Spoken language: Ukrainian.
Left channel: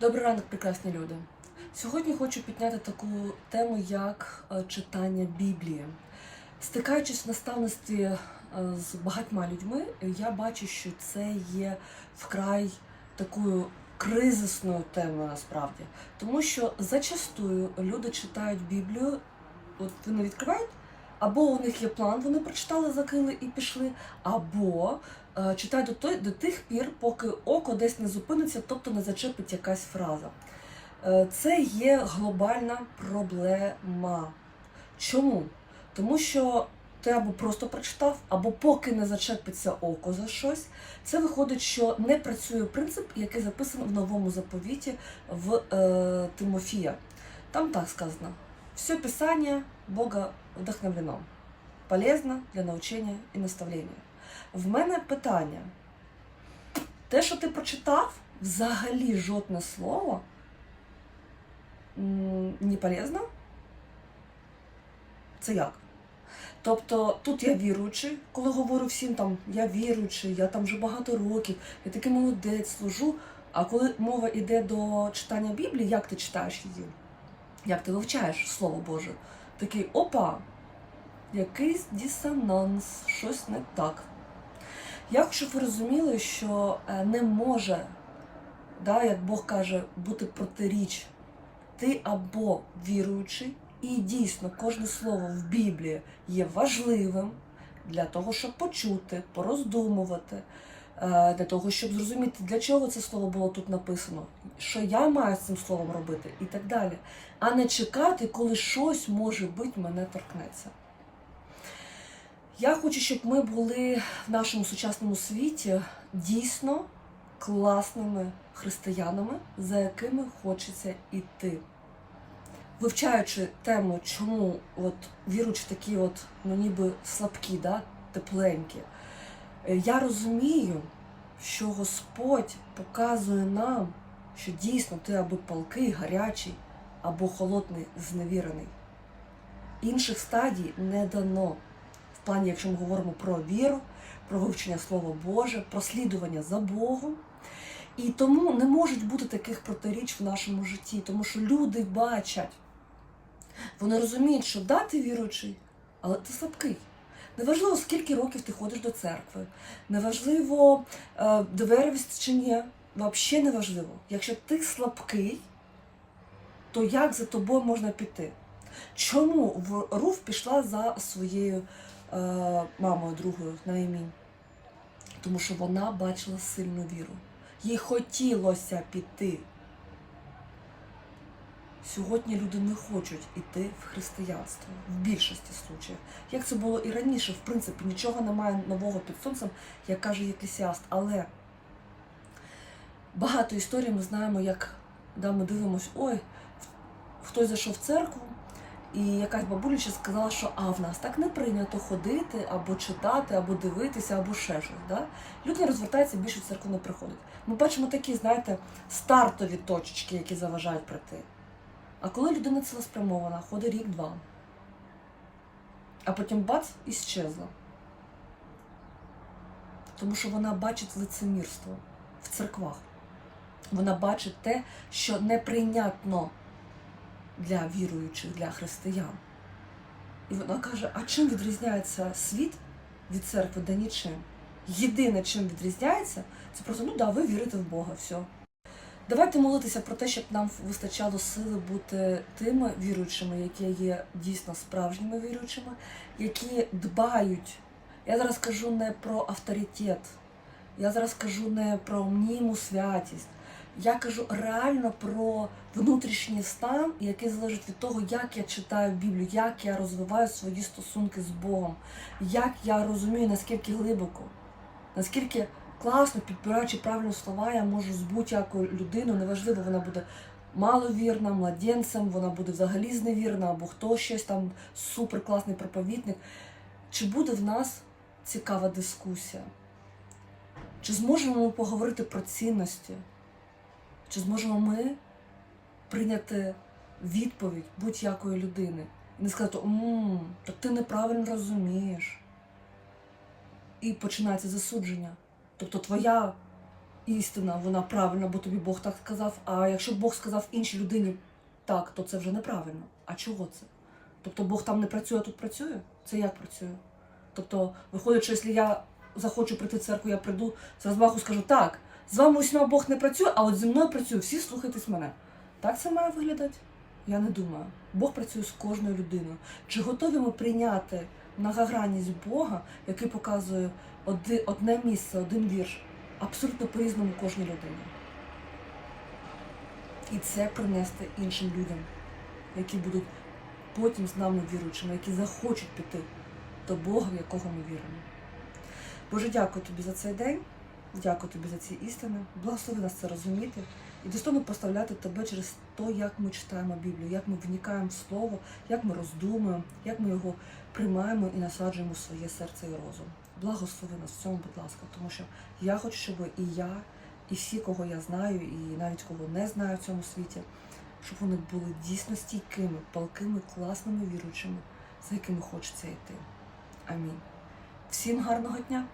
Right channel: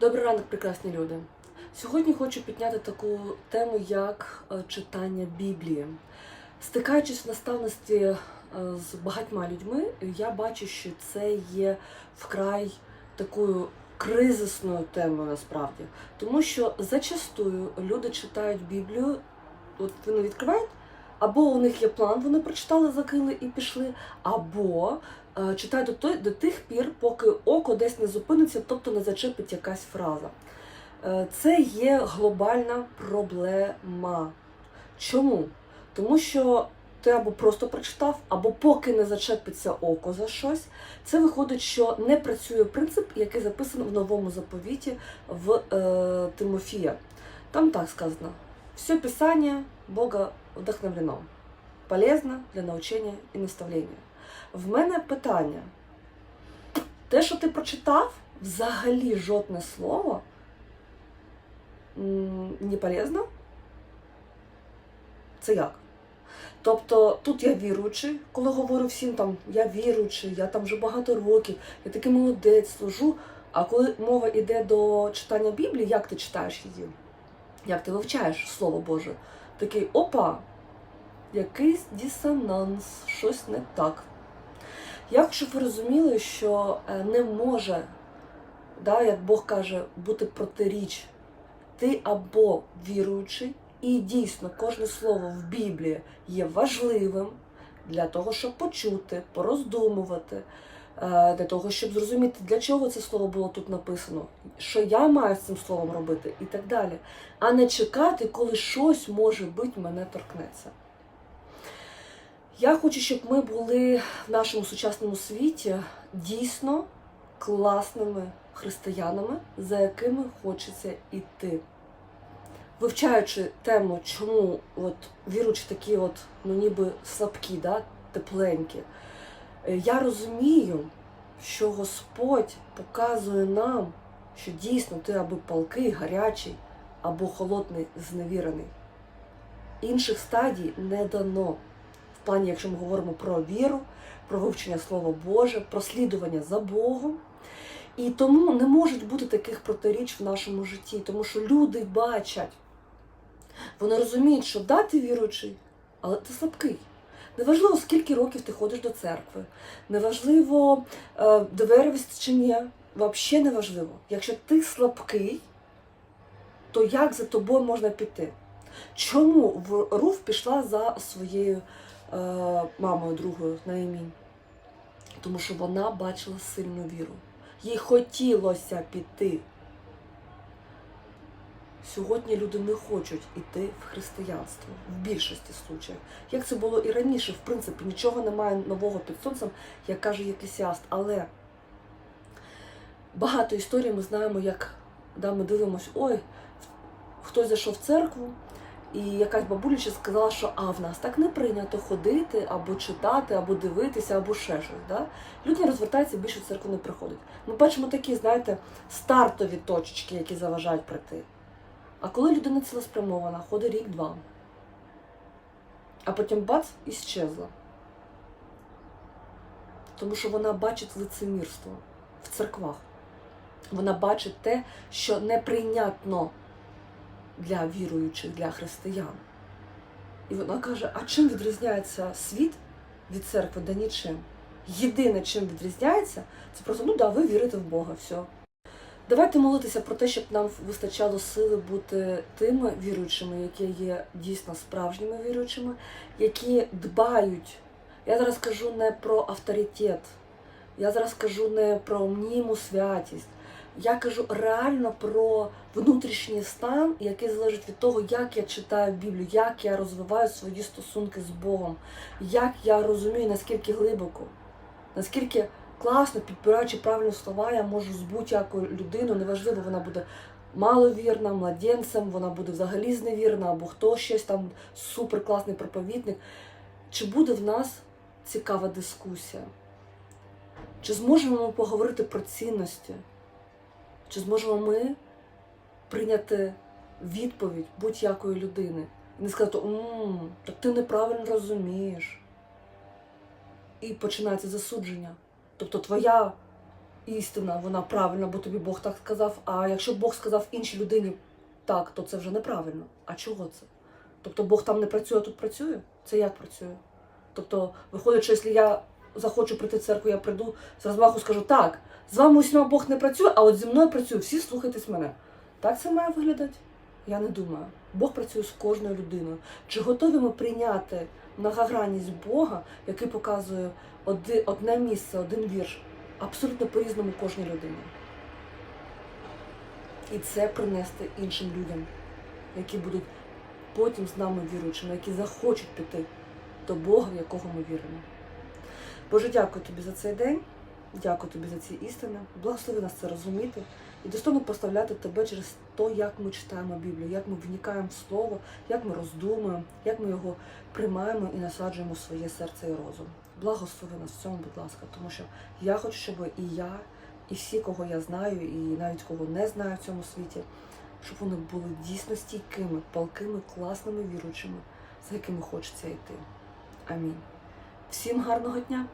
Добрий ранок, прекрасні люди. Сьогодні хочу підняти таку тему, як е, читання Біблії. Стикаючись в наставництві е, з багатьма людьми, я бачу, що це є вкрай такою кризисною темою насправді. Тому що зачастую люди читають Біблію, от вони відкривають, або у них є план, вони прочитали, закрили і пішли, або е, читають до, той, до тих пір, поки око десь не зупиниться, тобто не зачепить якась фраза. Е, Це є глобальна проблема. Чому? Тому що ти або просто прочитав, або поки не зачепиться око за щось. Це виходить, що не працює принцип, який записаний в новому заповіті в е, Тимофія. Там так сказано: все писання Бога вдохновлено, полезно для навчання і наставлення. В мене питання: те, що ти прочитав, взагалі жодне слово не полезно? Це як? Тобто тут я віруючий, коли говорю всім там я віруючий, я там вже багато років, я такий молодець, служу. А коли мова йде до читання Біблії, як ти читаєш її? Як ти вивчаєш Слово Боже? Такий опа, якийсь дисонанс, щось не так. Я хочу, щоб ви розуміли, що е, не може, да, як Бог каже, бути протиріч. Ти або віруючий, і дійсно кожне слово в Біблії є важливим для того, щоб почути, пороздумувати, для того, щоб зрозуміти, для чого це слово було тут написано, що я маю з цим словом робити, і так далі. А не чекати, коли щось може бути мене торкнеться. Я хочу, щоб ми були в нашому сучасному світі дійсно класними християнами, за якими хочеться йти. Вивчаючи тему, чому от віруючи такі, от, ну ніби слабкі, да, тепленькі, е, я розумію, що Господь показує нам, що дійсно ти або палкий, гарячий, або холодний, зневірений. Інших стадій не дано. В плані, якщо ми говоримо про віру, про вивчення Слова Боже, про слідування за Богом. І тому не можуть бути таких протиріч в нашому житті, тому що люди бачать, вони розуміють, що да, ти віруючий, але ти слабкий. Неважливо, скільки років ти ходиш до церкви, неважливо, е, доверивість чи ні, взагалі не важливо. Якщо ти слабкий, то як за тобою можна піти? Чому в Руф пішла за своєю е, мамою другою на імінь? Тому що вона бачила сильну віру. Їй хотілося піти. Сьогодні люди не хочуть іти в християнство в більшості случаїв. Як це було і раніше, в принципі, нічого немає нового під сонцем, як каже Єклесіаст. Але багато історій ми знаємо, як да, ми дивимося, ой, хтось зайшов в церкву, і якась бабуляча сказала, що а в нас так не прийнято ходити, або читати, або дивитися, або ще щось. Да? Люди розвертаються, більше в церкву не приходять. Ми бачимо такі, знаєте, стартові точечки, які заважають прийти. А коли людина цілеспрямована, ходить рік-два, а потім бац і щезла. Тому що вона бачить лицемірство в церквах. Вона бачить те, що неприйнятно для віруючих, для християн. І вона каже: а чим відрізняється світ від церкви? Да нічим. Єдине, чим відрізняється, це просто, ну да, ви вірите в Бога, все. Давайте молитися про те, щоб нам вистачало сили бути тими віруючими, які є дійсно справжніми віруючими, які дбають. Я зараз кажу не про авторитет, я зараз кажу не про мніму святість. Я кажу реально про внутрішній стан, який залежить від того, як я читаю Біблію, як я розвиваю свої стосунки з Богом, як я розумію, наскільки глибоко, наскільки класно, підбираючи правильні слова, я можу з будь-якою людиною, неважливо, вона буде маловірна, младенцем, вона буде взагалі зневірна, або хто щось там суперкласний проповідник. Чи буде в нас цікава дискусія? Чи зможемо ми поговорити про цінності? Чи зможемо ми прийняти відповідь будь-якої людини і не сказати, «М, так ти неправильно розумієш. І починається засудження. Тобто твоя істина, вона правильна, бо тобі Бог так сказав. А якщо Бог сказав іншій людині так, то це вже неправильно. А чого це? Тобто Бог там не працює, а тут працює? Це як працює? Тобто, виходить, що якщо я захочу прийти в церкву, я прийду з розмаху скажу, так, з вами усіма Бог не працює, а от зі мною працює, всі слухайтесь мене. Так це має виглядати? Я не думаю. Бог працює з кожною людиною. Чи готові ми прийняти многогранність Бога, який показує одне місце, один вірш, абсолютно по-різному кожній людині? І це принести іншим людям, які будуть потім з нами віруючими, які захочуть піти до Бога, в якого ми віримо. Боже, дякую тобі за цей день, дякую тобі за ці істини. Благослови нас це розуміти і достойно поставляти тебе через те, як ми читаємо Біблію, як ми вникаємо в Слово, як ми роздумуємо, як ми його приймаємо і насаджуємо в своє серце і розум. Благослови нас в цьому, будь ласка, тому що я хочу, щоб і я, і всі, кого я знаю, і навіть кого не знаю в цьому світі, щоб вони були дійсно стійкими, палкими, класними віруючими, за якими хочеться йти. Амінь. Всім гарного дня!